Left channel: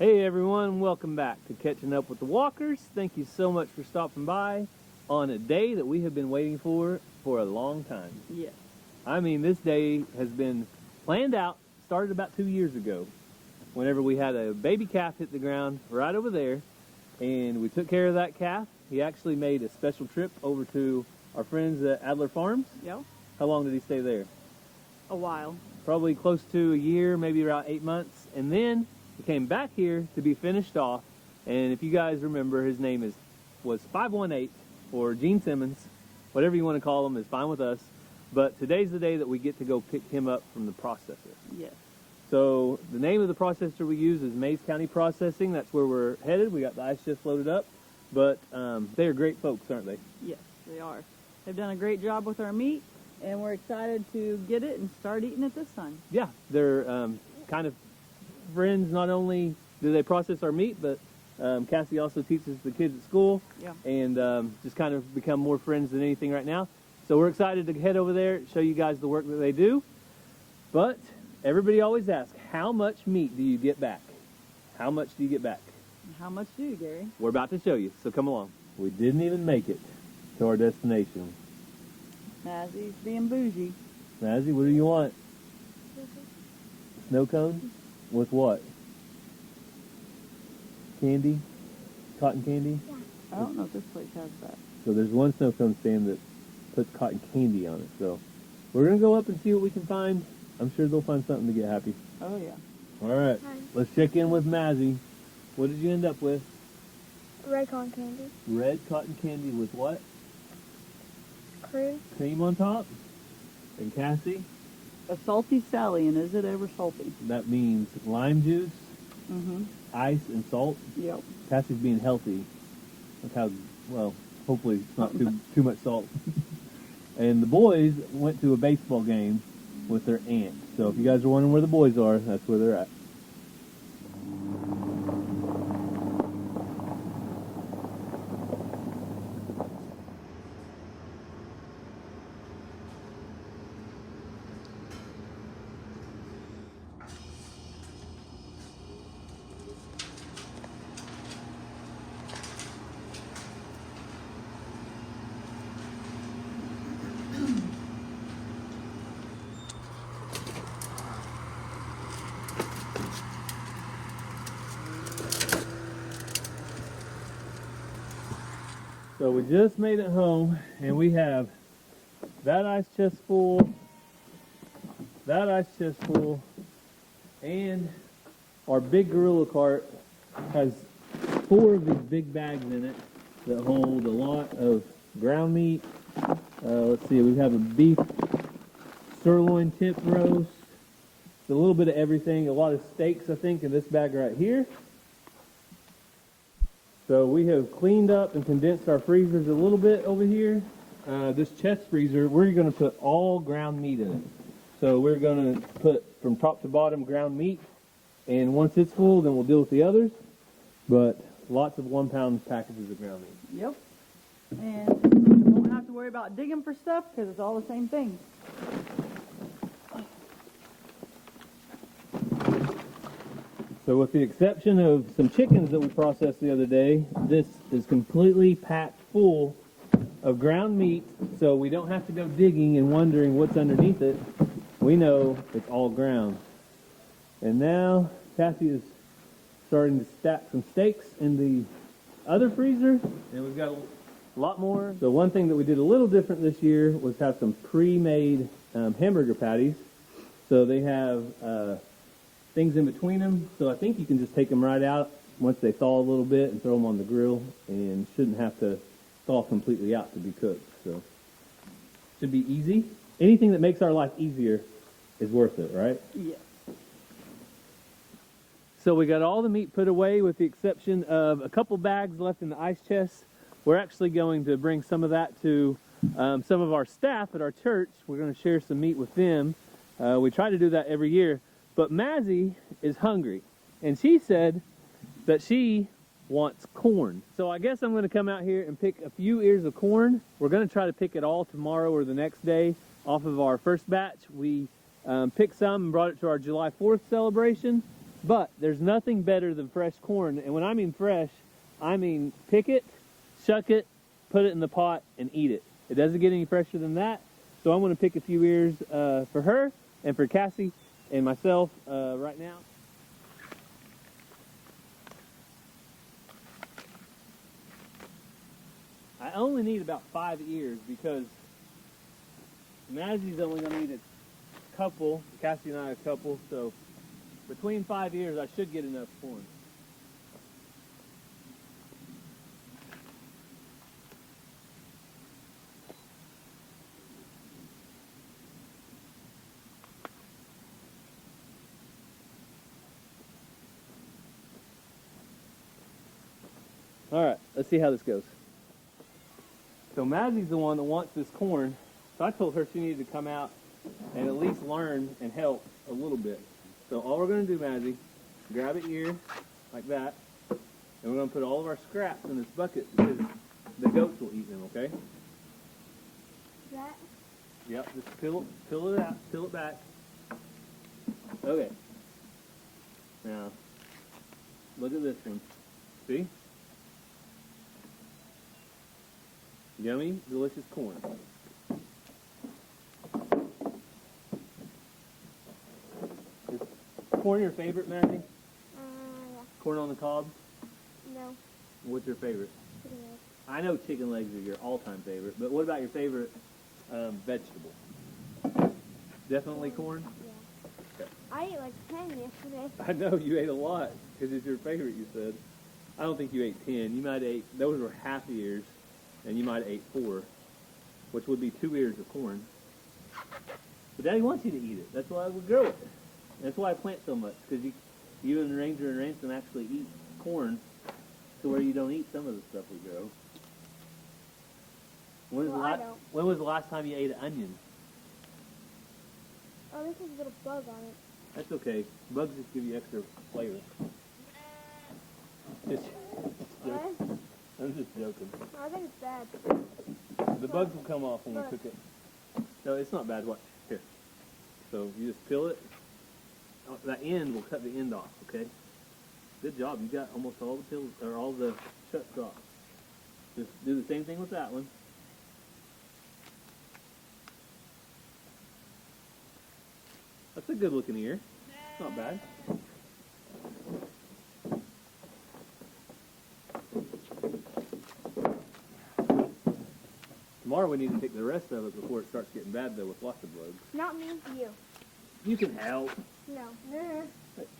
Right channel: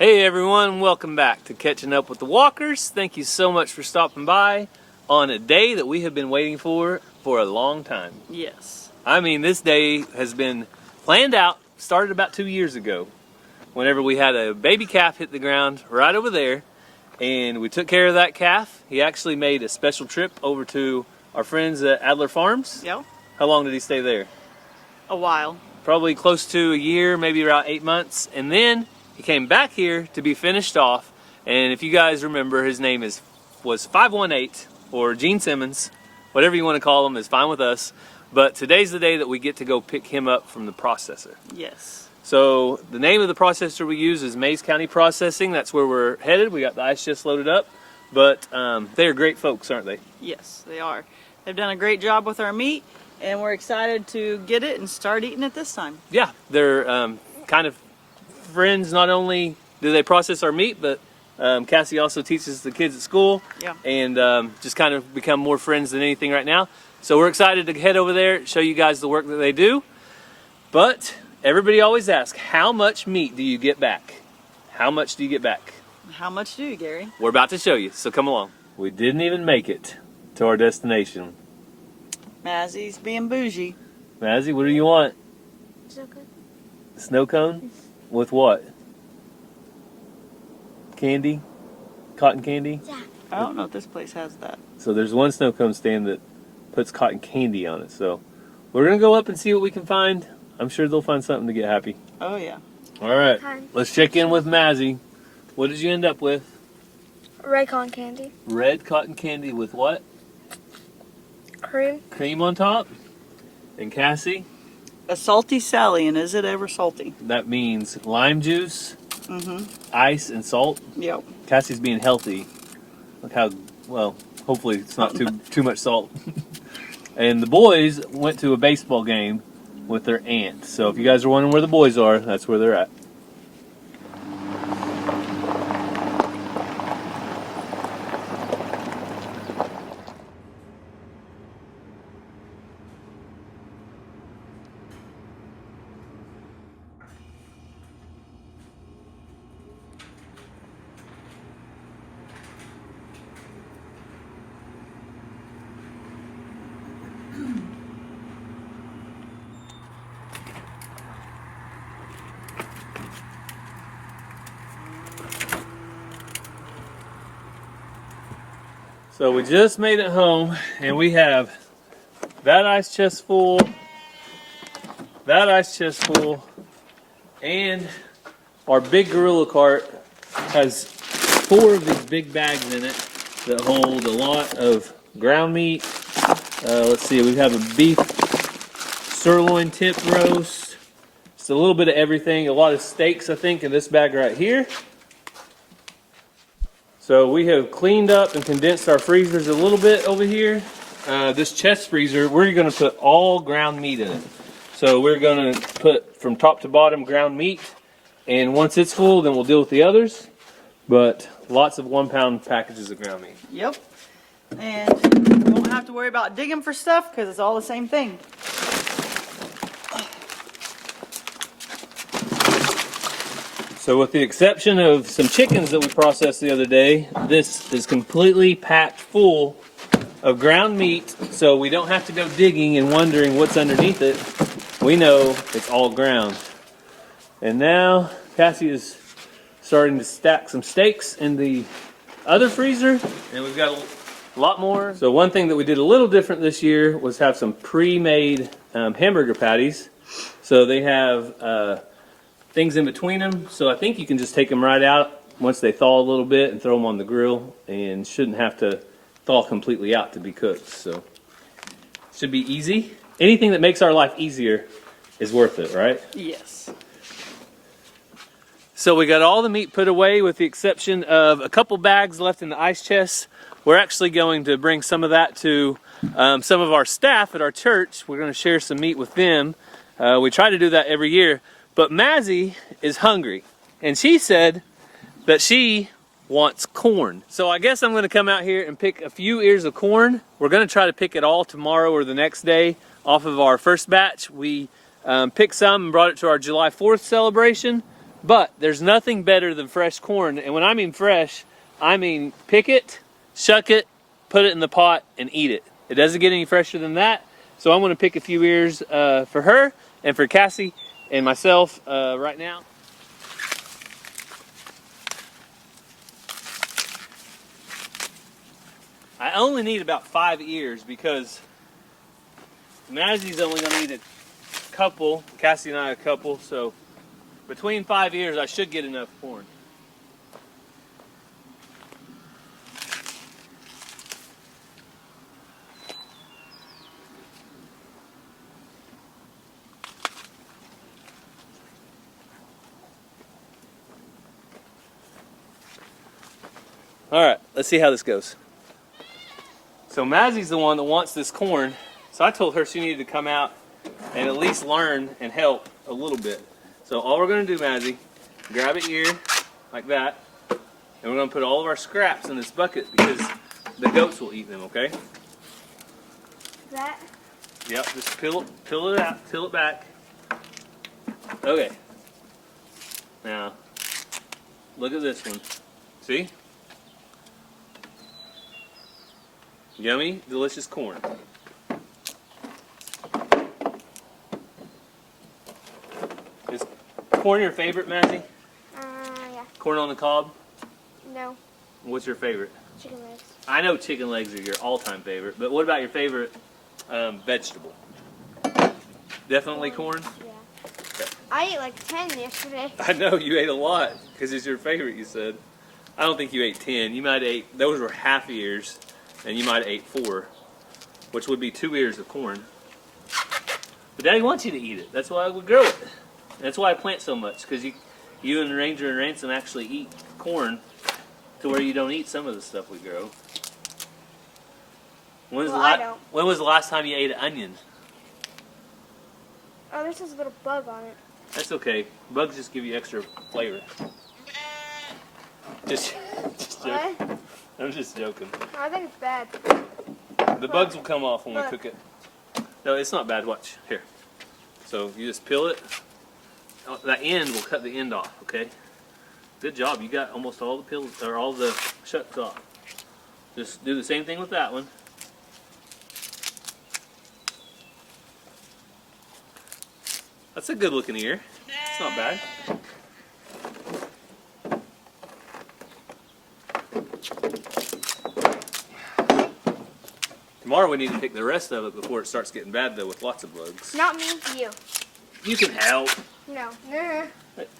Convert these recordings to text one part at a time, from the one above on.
Hey everyone, welcome back to Catching Up with the Walkers. Thank you so much for stopping by on a day that we have been waiting for a long time. Yes. I mean, this day has been planned out, started about 2 years ago, whenever we had a baby calf hit the ground right over there, and we took care of that calf. He actually made a special trip over to our friends at Adler Farms. Yep. How long did he stay there? A while. Probably close to a year, maybe around 8 months, and then he came back here to be finished off. And if you guys remember, his name was 518, or Gene Simmons, whatever you want to call him is fine with us. But today's the day that we get to go pick him up from the processor. Yes. So the name of the processor we use is Mays County Processing. That's where we're headed. We got the ice chest loaded up. But they're great folks, aren't they? Yes, they are. They've done a great job with our meat, and we're excited to get it and start eating it this time. Yeah, they're kind of friends. Not only do they process our meat, but Cassie also teaches the kids at school. Yeah. And just kind of become more friends than anything right now. So we're excited to head over there, show you guys the work that they do. But everybody always asks, how much meat do you get back? How much do you get back? How much do you, Gary? We're about to show you, so come along. We didn't even make it to our destination. Mazzy's being bougie. Mazzy, what do you want? Snow cone. Snow cone? With what? Candy? Cotton candy? Yeah. I don't know if this place has that. So there's one snow cone stand that puts cotton candy on it. So we're going to go up and see what we can find. I'm sure they'll find something to get happy. Oh, yeah. All right, Fine. let's check in with Mazzy. What did you end up with? Red cotton candy. Red cotton candy with what? Cream. Cream on top? And Cassie? A salty Sally, and is it ever salty? That means lime juice, Mm-hmm. ice, and salt. Yep. Cassie's being healthy. Look how, well, hopefully it's not too much salt. And the boys went to a baseball game with their aunt. So if you guys are wondering where the boys are, that's where they're at. So we just made it home, and we have that ice chest full, that ice chest full, and our big gorilla cart has 4 of these big bags in it that hold a lot of ground meat. Let's see, we have a beef sirloin tip roast. It's a little bit of everything, a lot of steaks, I think, in this bag right here. So we have cleaned up and condensed our freezers a little bit over here. This chest freezer, we're going to put all ground meat in it. So we're going to put from top to bottom ground meat. And once it's full, then we'll deal with the others. But lots of 1-pound packages of ground meat. Yep. And we won't have to worry about digging for stuff because it's all the same thing. So with the exception of some chickens that we processed the other day, this is completely packed full of ground meat, so we don't have to go digging and wondering what's underneath it. We know it's all ground. And now Cassie is starting to stack some steaks in the other freezer, and we've got a lot more. So one thing that we did a little different this year was have some pre-made hamburger patties. So they have things in between them, so I think you can just take them right out once they thaw a little bit and throw them on the grill, and shouldn't have to thaw completely out to be cooked. So should be easy. Anything that makes our life easier is worth it, right? Yes. So we got all the meat put away with the exception of a couple bags left in the ice chest. We're actually going to bring some of that to some of our staff at our church. We're going to share some meat with them. We try to do that every year. But Mazzy is hungry, and she said that she wants corn. So I guess I'm going to come out here and pick a few ears of corn. We're going to try to pick it all tomorrow or the next day off of our first batch. We picked some and brought it to our July 4th celebration. But there's nothing better than fresh corn. And when I mean fresh, I mean pick it, shuck it, put it in the pot, and eat it. It doesn't get any fresher than that. So I'm gonna pick a few ears for her and for Cassie and myself right now. I only need about 5 ears because Mazzie's only gonna need a couple, Cassie and I a couple, so between 5 ears I should get enough corn. All right, let's see how this goes. So Mazzie's the one that wants this corn, so I told her she needed to come out and at least learn and help a little bit. So all we're gonna do, Mazzie, grab an ear like that, and we're gonna put all of our scraps in this bucket because the goats will eat them, okay? That? Yep, just peel it out, peel it back. Okay. Now, look at this one. See? Yummy, delicious corn. Is corn your favorite, Mazzie? Yeah. Corn on the cob? No. What's your favorite? Chicken legs. I know chicken legs are your all-time favorite, but what about your favorite vegetable? Definitely corn? Yeah. Okay. I ate like 10 yesterday. I know, you ate a lot, because it's your favorite, you said. I don't think you ate 10. You might have ate, those were half ears, and you might have ate 4, which would be 2 ears of corn. But Daddy wants you to eat it. That's why we grow it. That's why I plant so much, because you and Ranger and Ransom actually eat corn to where you don't eat some of the stuff we grow. When was the last time you ate an onion? Oh, there's this little bug on it. That's okay. Bugs just give you extra flavor. Just joking. What? I'm just joking. I think it's bad. The bugs will come off when we cook it. No, it's not bad. Watch. Here. So you just peel it. That end will cut the end off, okay? Good job. You got almost all the peels, or all the shucks off. Just do the same thing with that one. That's a good looking ear. It's not bad. Tomorrow we need to pick the rest of it before it starts getting bad though with lots of bugs. Not me, you. You can help. No.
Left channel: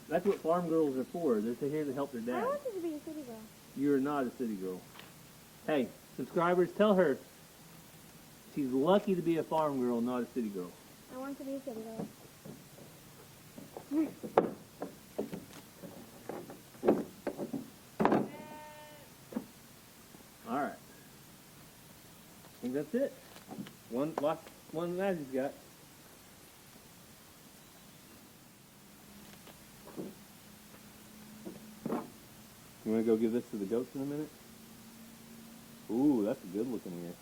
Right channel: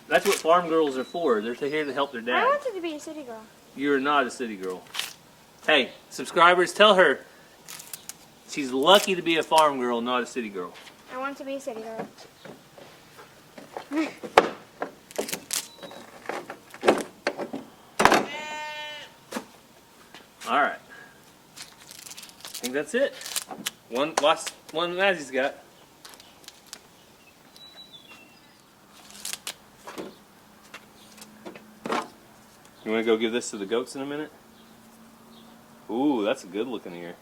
That's what farm girls are for. They're here to help their dad. I wanted to be a city girl. You're not a city girl. Hey, subscribers, tell her she's lucky to be a farm girl, not a city girl. I want to be a city girl. All right. I think that's it. Last one Mazzie's got. You want to go give this to the goats in a minute? Ooh, that's a good looking ear.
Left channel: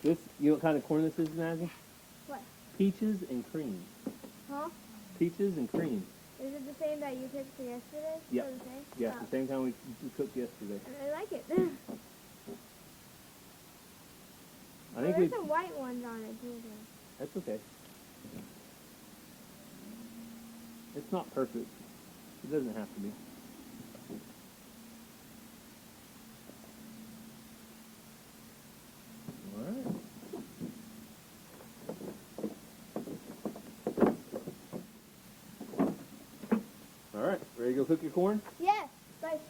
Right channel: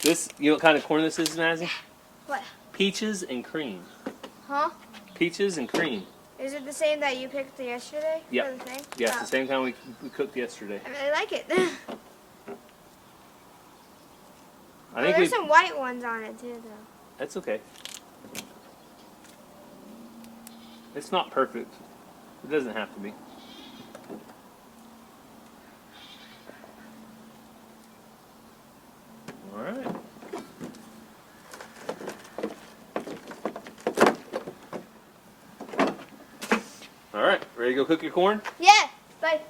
This, you know what kind of corn this is, Mazzie? What? Peaches and cream. Huh? Peaches and cream. Is it the same that you picked yesterday? Yep. For the thing? Yeah, it's the same kind we cooked yesterday. I really like it. I think there's some white ones on it too, though. That's okay. It's not perfect. It doesn't have to be. All right. All right, ready to go cook your corn? Yeah. Bye.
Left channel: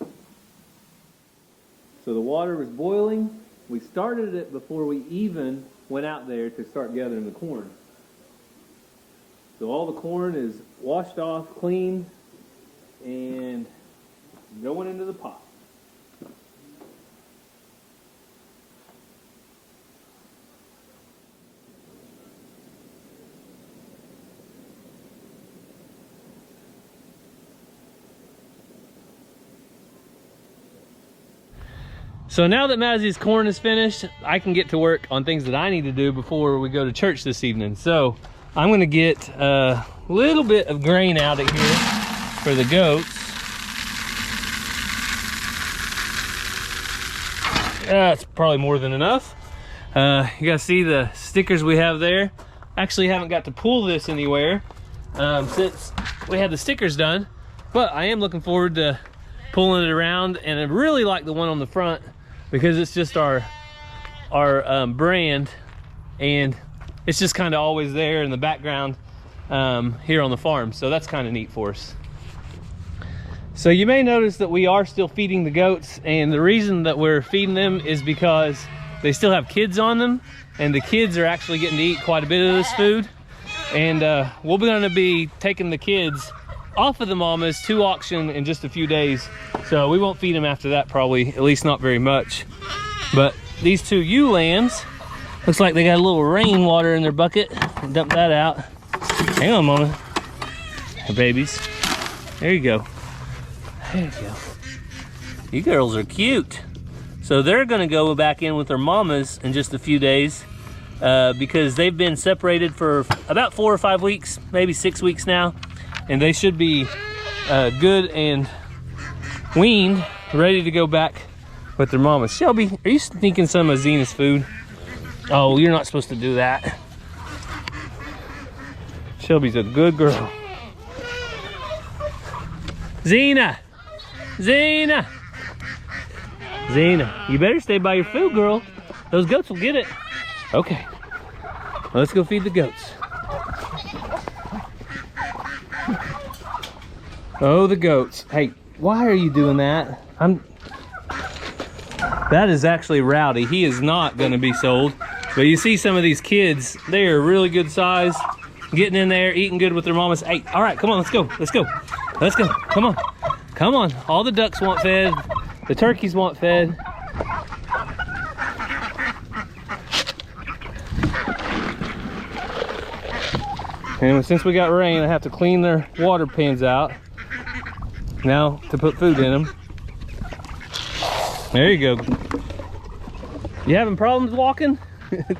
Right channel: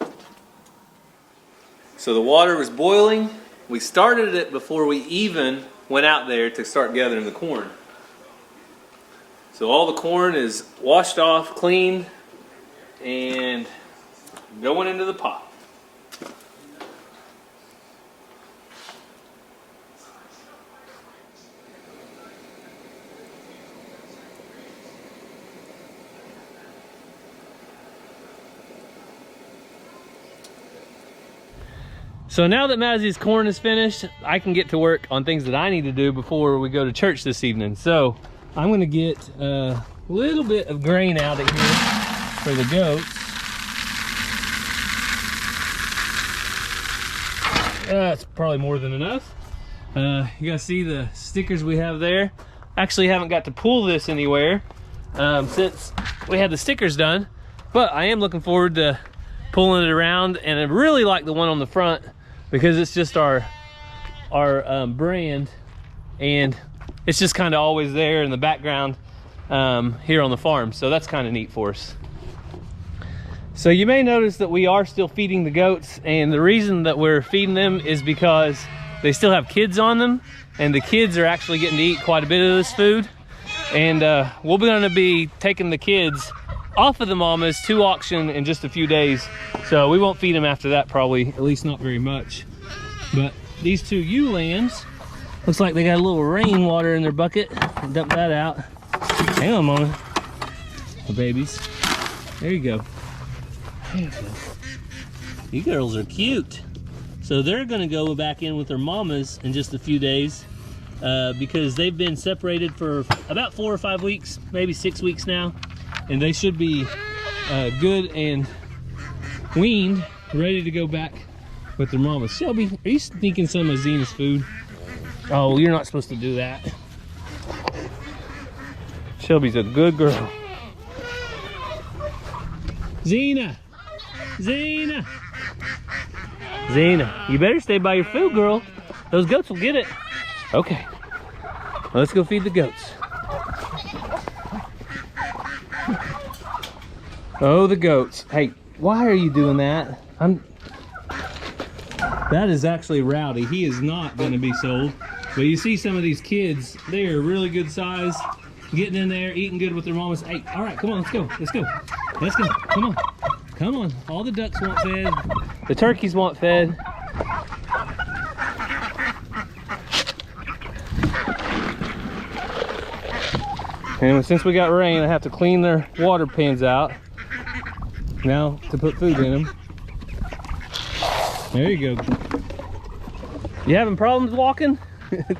So the water was boiling. We started it before we even went out there to start gathering the corn. So all the corn is washed off, cleaned, and going into the pot. So now that Mazzie's corn is finished, I can get to work on things that I need to do before we go to church this evening. So I'm gonna get a little bit of grain out of here. for the goats. That's probably more than enough. You guys see the stickers we have there? Actually haven't got to pull this anywhere since we had the stickers done, but I am looking forward to pulling it around, and I really like the one on the front because it's just our brand, and it's just kind of always there in the background here on the farm, so that's kind of neat for us. So you may notice that we are still feeding the goats, and the reason that we're feeding them is because they still have kids on them, and the kids are actually getting to eat quite a bit of this food. And we're gonna be taking the kids off of the mamas to auction in just a few days. So we won't feed them after that, probably, at least not very much. But these two ewe lambs, looks like they got a little rainwater in their bucket. Dump that out. Hang on, mama. Her babies. There you go. There you go. You girls are cute. So they're gonna go back in with their mamas in just a few days because they've been separated for about 4 or 5 weeks, maybe 6 weeks now. And they should be good and weaned, ready to go back with their mamas. Shelby, are you sneaking some of Zena's food? Oh, you're not supposed to do that. Shelby's a good girl. Zena! Zena! Zena, you better stay by your food, girl. Those goats will get it. Okay, well, let's go feed the goats. Oh, the goats. Hey, why are you doing that? That is actually Rowdy. He is not going to be sold. But you see some of these kids, they are really good size, getting in there, eating good with their mamas. Hey, all right, come on, let's go. Let's go. Let's go. Come on. Come on. All the ducks want fed. The turkeys want fed. And since we got rain, I have to clean their water pans out now to put food in them. There you go. You having problems walking?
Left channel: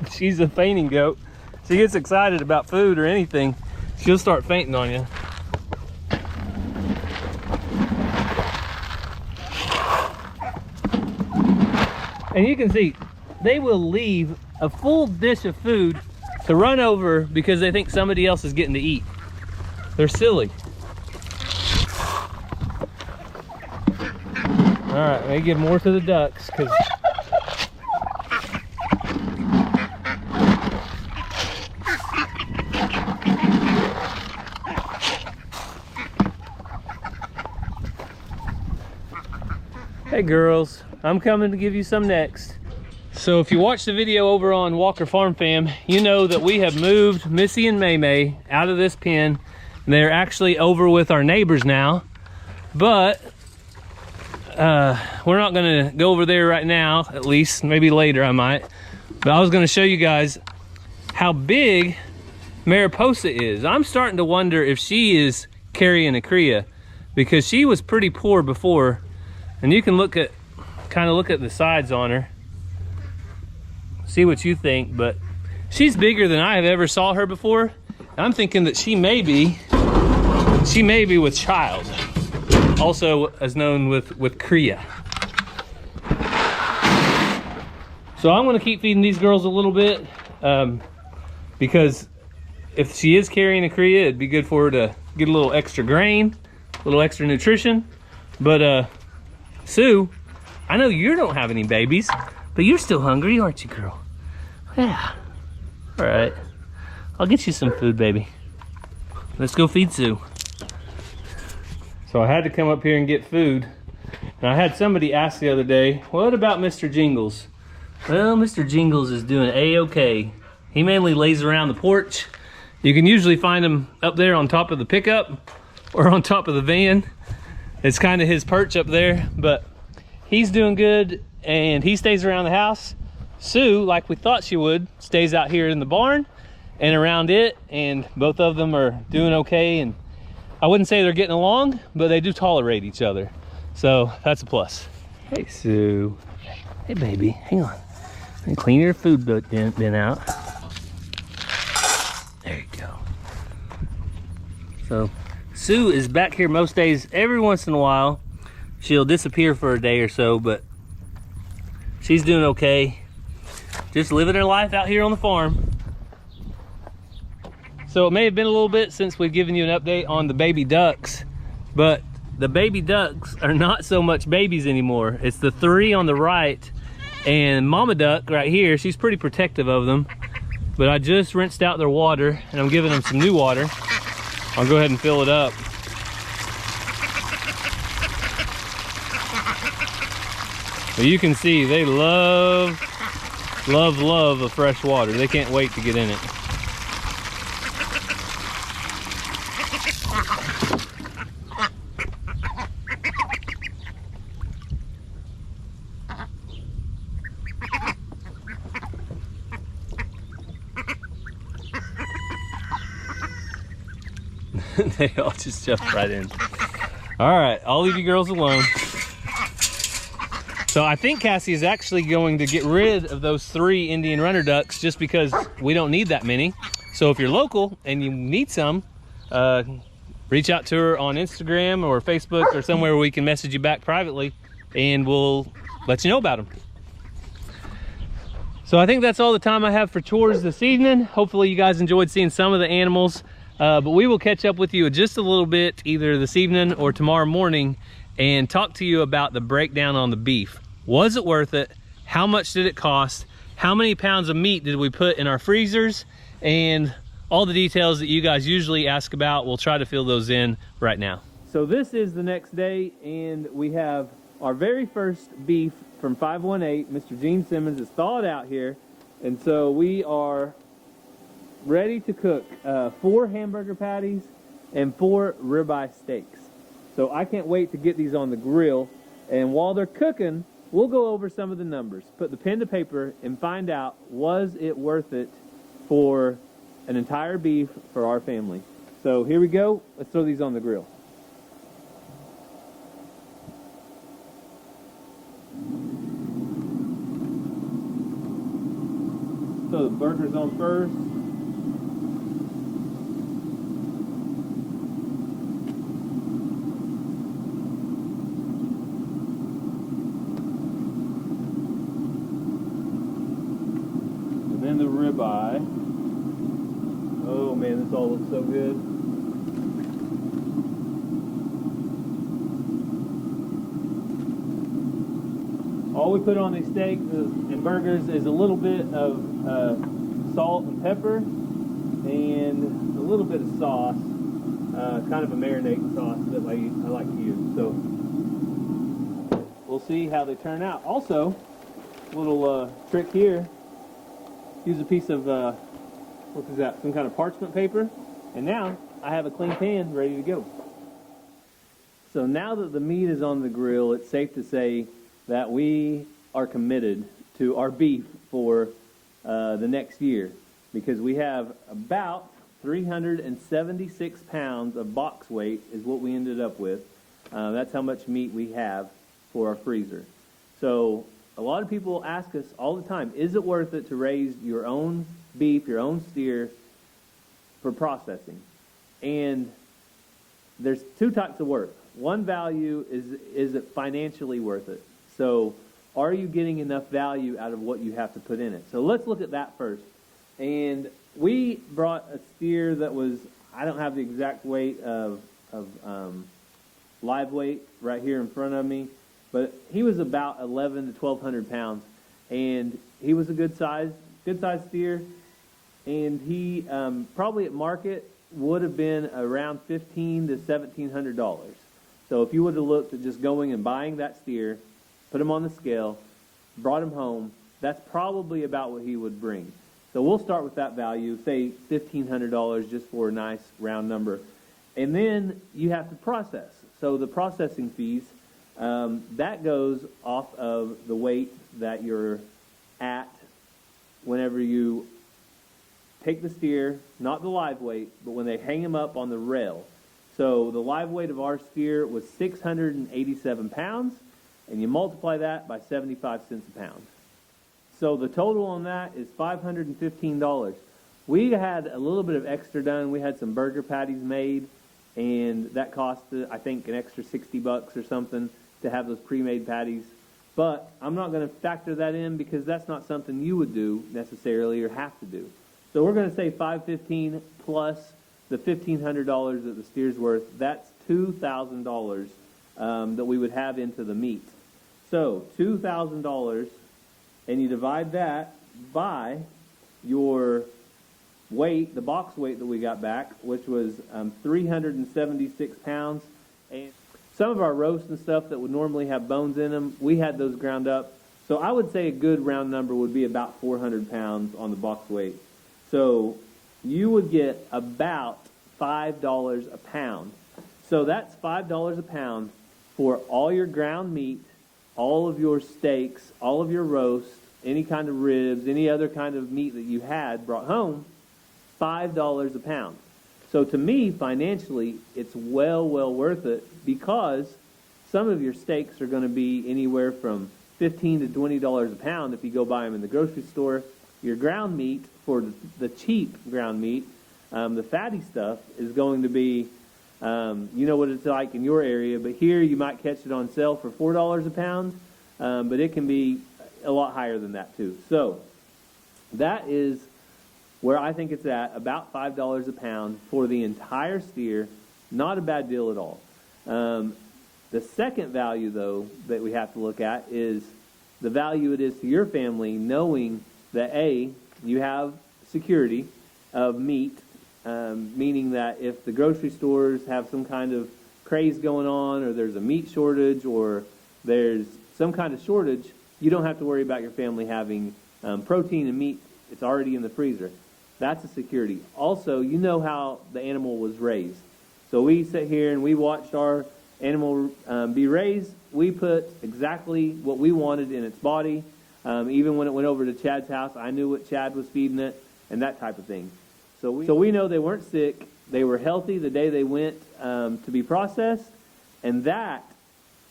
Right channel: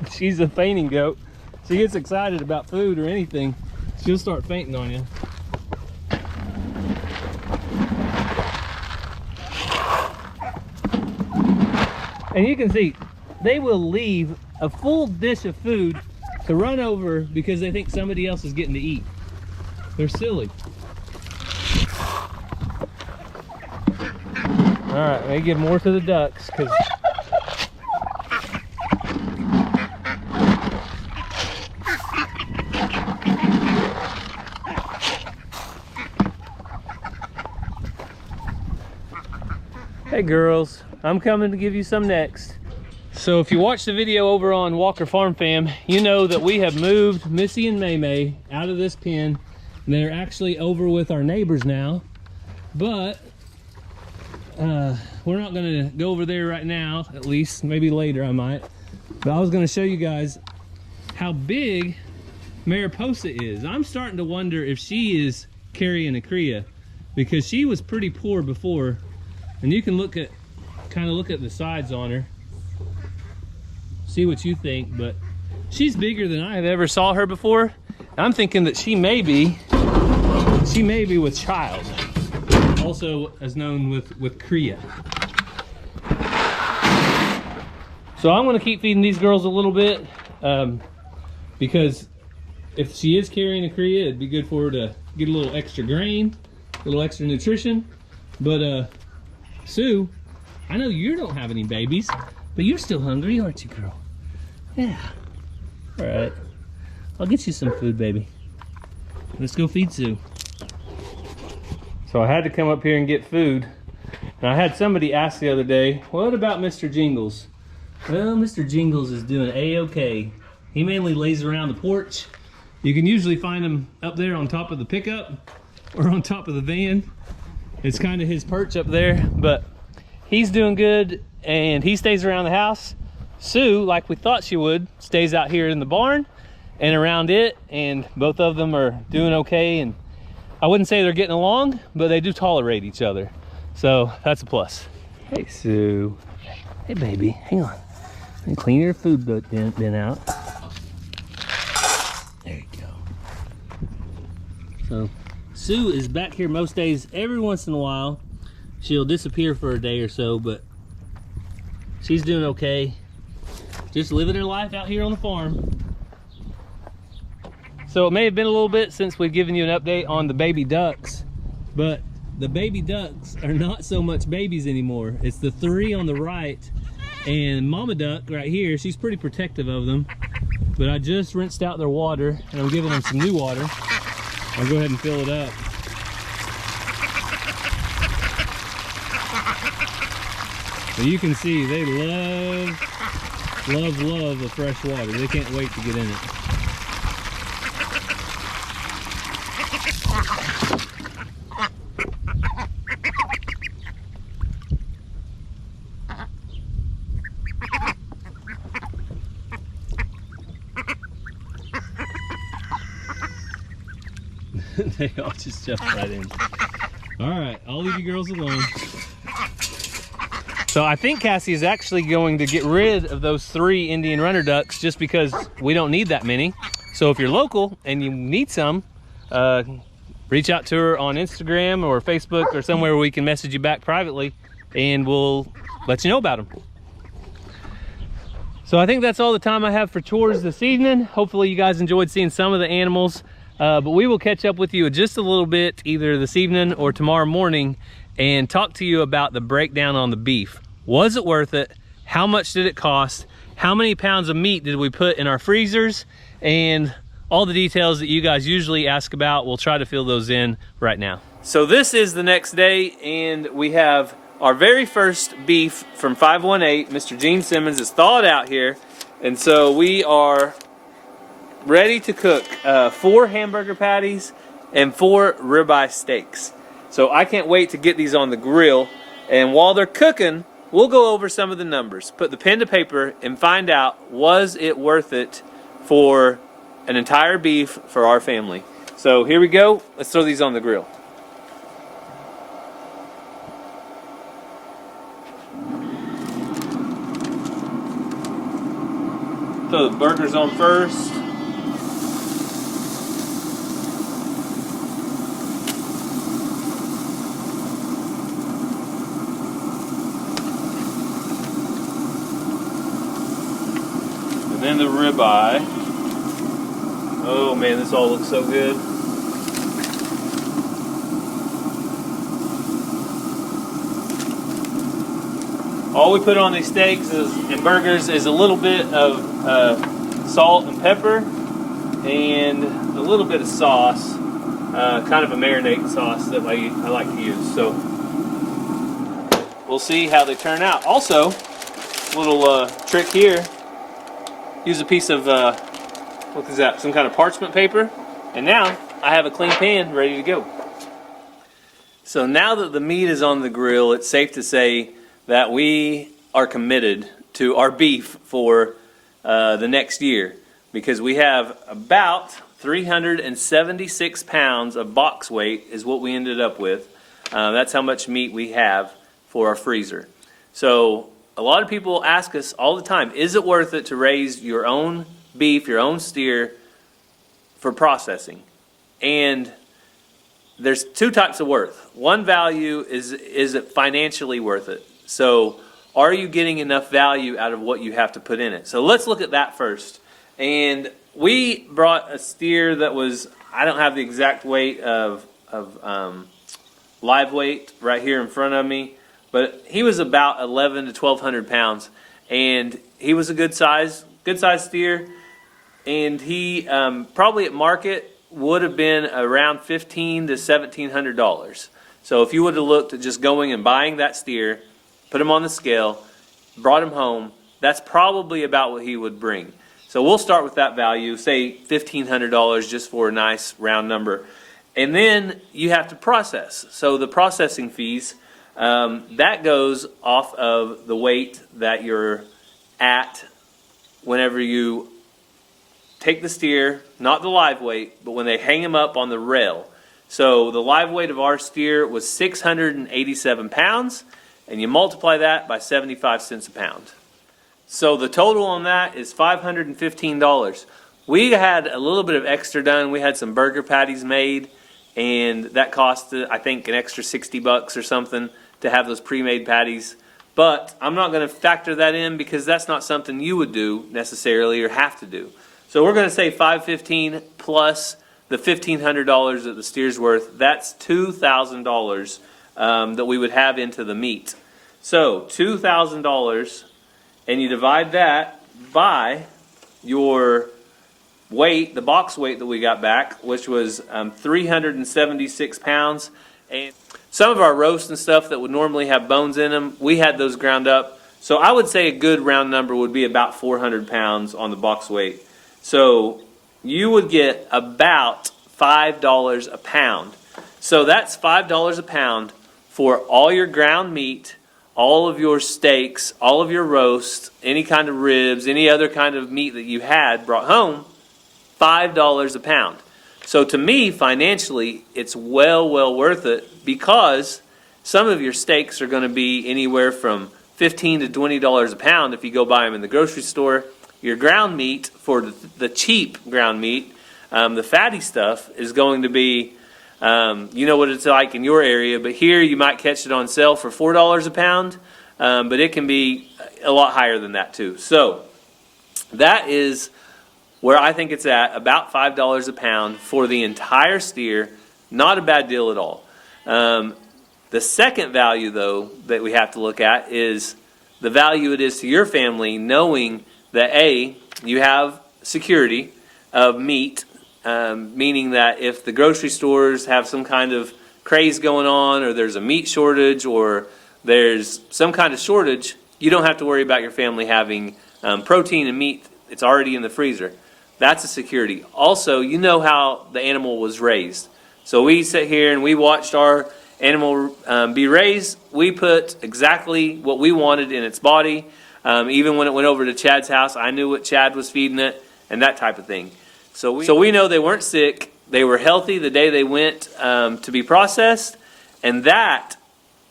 She's a fainting goat. She gets excited about food or anything, she'll start fainting on you. And you can see, they will leave a full dish of food to run over because they think somebody else is getting to eat. They're silly. All right, let me give more to the ducks because hey girls, I'm coming to give you some next. So if you watch the video over on Walker Farm Fam, you know that we have moved Missy and May out of this pen. They're actually over with our neighbors now, but we're not gonna go over there right now, at least, maybe later I might. But I was gonna show you guys how big Mariposa is. I'm starting to wonder if she is carrying a cria because she was pretty poor before. And you can look at, kind of look at the sides on her. See what you think, but she's bigger than I have ever saw her before. I'm thinking that she may be with child, also as known with cria. So I'm gonna keep feeding these girls a little bit because if she is carrying a cria, it'd be good for her to get a little extra grain, a little extra nutrition. But Sue, I know you don't have any babies, but you're still hungry, aren't you, girl? Yeah. All right. I'll get you some food, baby. Let's go feed Sue. So I had to come up here and get food. And I had somebody ask the other day, what about Mr. Jingles? Well, Mr. Jingles is doing A-okay. He mainly lays around the porch. You can usually find him up there on top of the pickup or on top of the van. It's kind of his perch up there, but he's doing good and he stays around the house. Sue, like we thought she would, stays out here in the barn and around it, and both of them are doing okay. And I wouldn't say they're getting along, but they do tolerate each other. So that's a plus. Hey, Sue. Hey, baby, hang on. Let me clean your food bin out. There you go. So Sue is back here most days. Every once in a while, she'll disappear for a day or so, but she's doing okay. Just living her life out here on the farm. So it may have been a little bit since we've given you an update on the baby ducks, but the baby ducks are not so much babies anymore. It's the 3 on the right, and Mama Duck right here, she's pretty protective of them. But I just rinsed out their water, and I'm giving them some new water. I'll go ahead and fill it up. But you can see they love the fresh water. They can't wait to get in it. They all just jumped right in. All right, I'll leave you girls alone. So I think Cassie is actually going to get rid of those 3 Indian runner ducks just because we don't need that many. So if you're local and you need some, reach out to her on Instagram or Facebook or somewhere where we can message you back privately, and we'll let you know about them. So I think that's all the time I have for chores this evening. Hopefully you guys enjoyed seeing some of the animals. But we will catch up with you in just a little bit, either this evening or tomorrow morning, and talk to you about the breakdown on the beef. Was it worth it? How much did it cost? How many pounds of meat did we put in our freezers? And all the details that you guys usually ask about, we'll try to fill those in right now. So this is the next day, and we have our very first beef from 518. Mr. Gene Simmons is thawed out here, and so we are ready to cook 4 hamburger patties and 4 ribeye steaks. So I can't wait to get these on the grill. And while they're cooking, we'll go over some of the numbers, put the pen to paper, and find out, was it worth it for an entire beef for our family? So here we go. Let's throw these on the grill. Throw the burgers on first. Then the ribeye. Oh man, this all looks so good. All we put on these steaks and burgers is a little bit of salt and pepper and a little bit of sauce, kind of a marinade sauce that I like to use. So we'll see how they turn out. Also, a little trick here. Use a piece of, what is that, some kind of parchment paper. And now I have a clean pan ready to go. So now that the meat is on the grill, it's safe to say that we are committed to our beef for the next year, because we have about 376 pounds of box weight is what we ended up with. That's how much meat we have for our freezer. So a lot of people ask us all the time, is it worth it to raise your own beef, your own steer for processing? And there's 2 types of worth. One value is it financially worth it? So are you getting enough value out of what you have to put in it? So let's look at that first. And we brought a steer that was, I don't have the exact weight of live weight right here in front of me, but he was about 1,100 to 1,200 pounds, and he was a good size steer, and he probably at market would have been around $1,500 to $1,700. So if you would have looked at just going and buying that steer, put him on the scale, brought him home, that's probably about what he would bring. So we'll start with that value, say $1,500 just for a nice round number. And then you have to process. So the processing fees, that goes off of the weight that you're at whenever you take the steer, not the live weight, but when they hang him up on the rail. So the live weight of our steer was 687 pounds, and you multiply that by 75 cents a pound. So the total on that is $515. We had a little bit of extra done. We had some burger patties made, and that cost, I think, an extra $60 or something to have those pre-made patties. But I'm not going to factor that in because that's not something you would do necessarily or have to do. So we're going to say $515 plus the $1,500 that the steer's worth. That's $2,000 that we would have into the meat. So $2,000, and you divide that by your weight, the box weight that we got back, which was 376 pounds. And some of our roasts and stuff that would normally have bones in them, we had those ground up. So I would say a good round number would be about 400 pounds on the box weight. So you would get about $5 a pound. So that's $5 a pound for all your ground meat, all of your steaks, all of your roasts, any kind of ribs, any other kind of meat that you had brought home, $5 a pound. So to me, financially, it's well worth it because some of your steaks are going to be anywhere from $15 to $20 a pound if you go buy them in the grocery store. Your ground meat, for the cheap ground meat, the fatty stuff, is going to be, you know what it's like in your area, but here you might catch it on sale for $4 a pound, but it can be a lot higher than that too. So that is where I think it's at, about $5 a pound for the entire steer. Not a bad deal at all. The second value, though, that we have to look at is the value it is to your family, knowing that A, you have security of meat, meaning that if the grocery stores have some kind of craze going on, or there's a meat shortage, or there's some kind of shortage, you don't have to worry about your family having protein and meat. It's already in the freezer. That's a security. Also, you know how the animal was raised. So we sit here and we watched our animal be raised. We put exactly what we wanted in its body. Even when it went over to Chad's house, I knew what Chad was feeding it and that type of thing. So we know they weren't sick. They were healthy the day they went to be processed, and that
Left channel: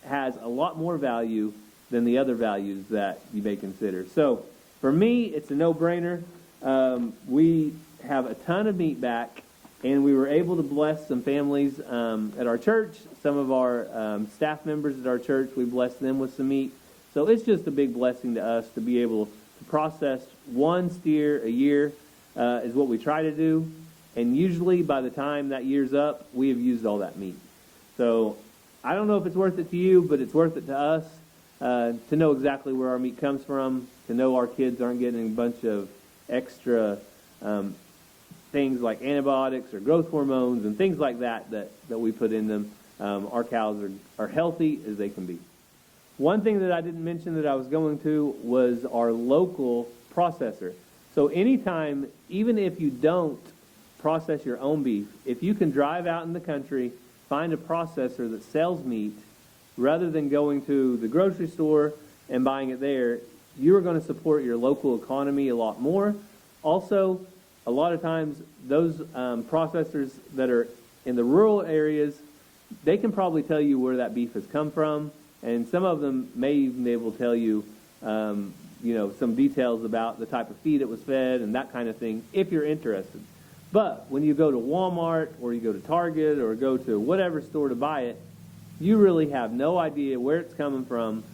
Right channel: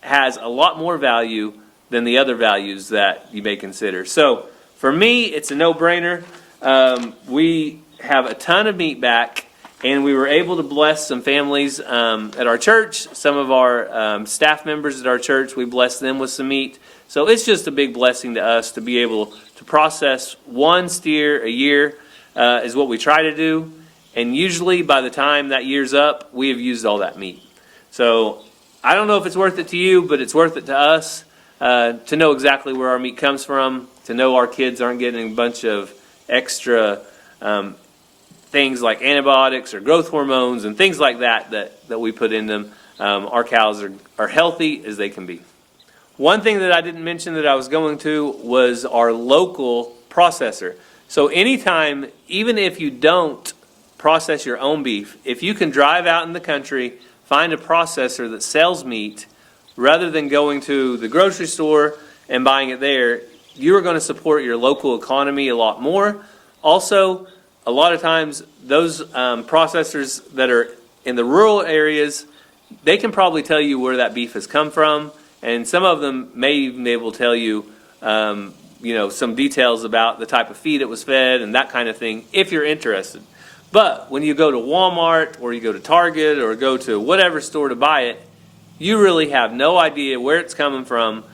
has a lot more value than the other values that you may consider. So for me, it's a no-brainer. We have a ton of meat back, and we were able to bless some families at our church. Some of our staff members at our church, we blessed them with some meat. So it's just a big blessing to us to be able to process one steer a year is what we try to do. And usually by the time that year's up, we have used all that meat. So I don't know if it's worth it to you, but it's worth it to us to know exactly where our meat comes from, to know our kids aren't getting a bunch of extra things like antibiotics or growth hormones and things like that we put in them. Our cows are healthy as they can be. One thing that I didn't mention that I was going to was our local processor. So anytime, even if you don't process your own beef, if you can drive out in the country, find a processor that sells meat, rather than going to the grocery store and buying it there, you are going to support your local economy a lot more. Also, a lot of times those processors that are in the rural areas, they can probably tell you where that beef has come from, and some of them may even be able to tell you, some details about the type of feed it was fed and that kind of thing, if you're interested. But when you go to Walmart or you go to Target or go to whatever store to buy it, you really have no idea where it's coming from,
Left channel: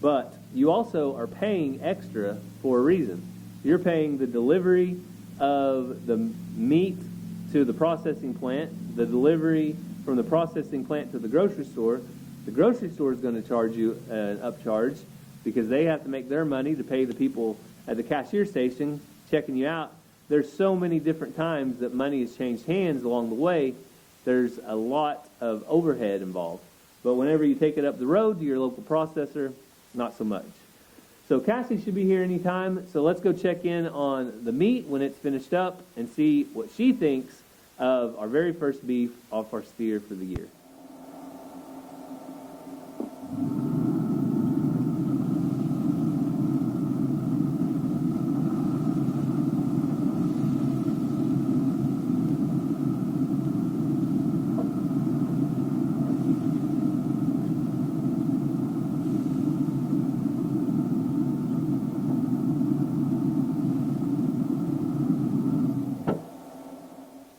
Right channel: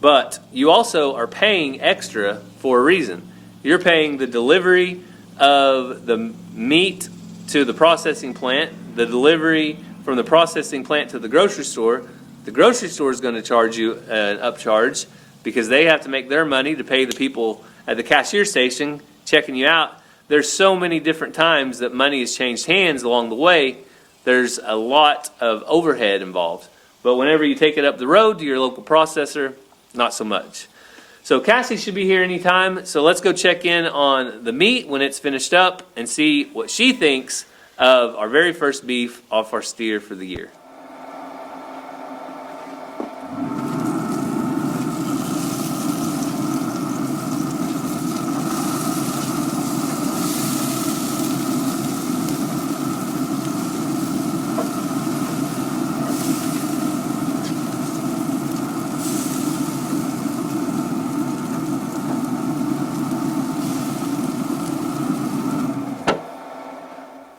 but you also are paying extra for a reason. You're paying the delivery of the meat to the processing plant, the delivery from the processing plant to the grocery store. The grocery store is going to charge you an upcharge because they have to make their money to pay the people at the cashier station checking you out. There's so many different times that money has changed hands along the way. There's a lot of overhead involved. But whenever you take it up the road to your local processor, not so much. So Cassie should be here anytime. So let's go check in on the meat when it's finished up and see what she thinks of our very first beef off our steer for the year.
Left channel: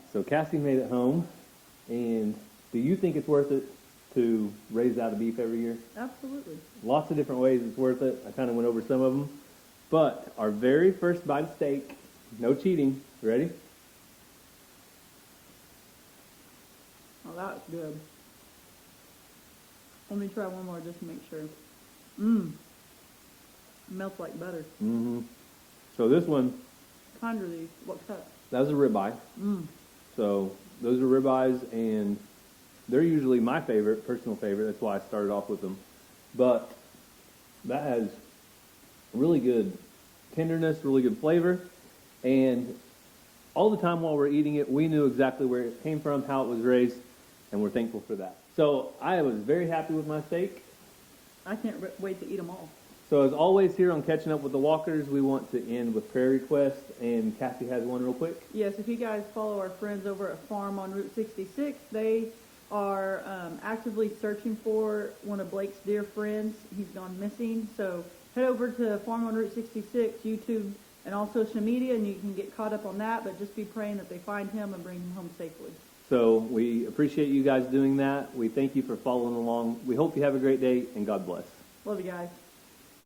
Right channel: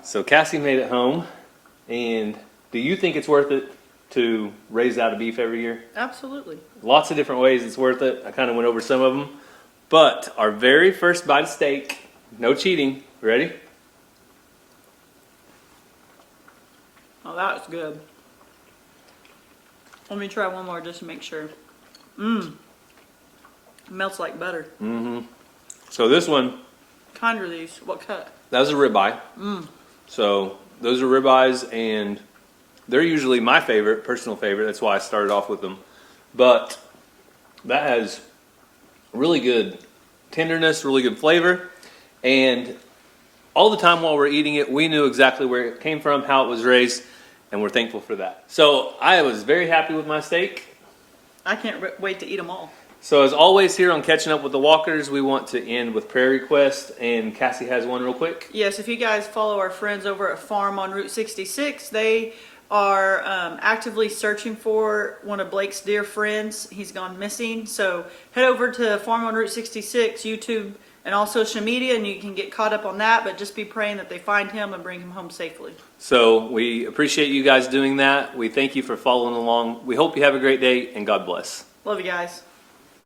So Cassie made it home, and Do you think it's worth it to raise out a beef every year? Absolutely. Lots of different ways it's worth it. I kind of went over some of them. But our very first bite of steak, no cheating. Ready? Oh, that's good. Let me try one more just to make sure. Mmm. Melts like butter. Mm-hmm. So this one, Kind are these? What cut? that was a ribeye. Mmm. So those are ribeyes, and they're usually my favorite, personal favorite. That's why I started off with them. But that has really good tenderness, really good flavor, and all the time while we're eating it, we knew exactly where it came from, how it was raised, and we're thankful for that. So I was very happy with my steak. I can't wait to eat them all. So as always here on Catching Up with the Walkers, we want to end with prayer requests, and Cassie has one real quick. Yes, if you guys follow our friends over at Farm on Route 66, they are actively searching for one of Blake's dear friends. He's gone missing. So head over to Farm on Route 66, YouTube, and all social media, and you can get caught up on that. But just be praying that they find him and bring him home safely. So we appreciate you guys doing that. We thank you for following along. We hope you have a great day, and God bless. Love you guys.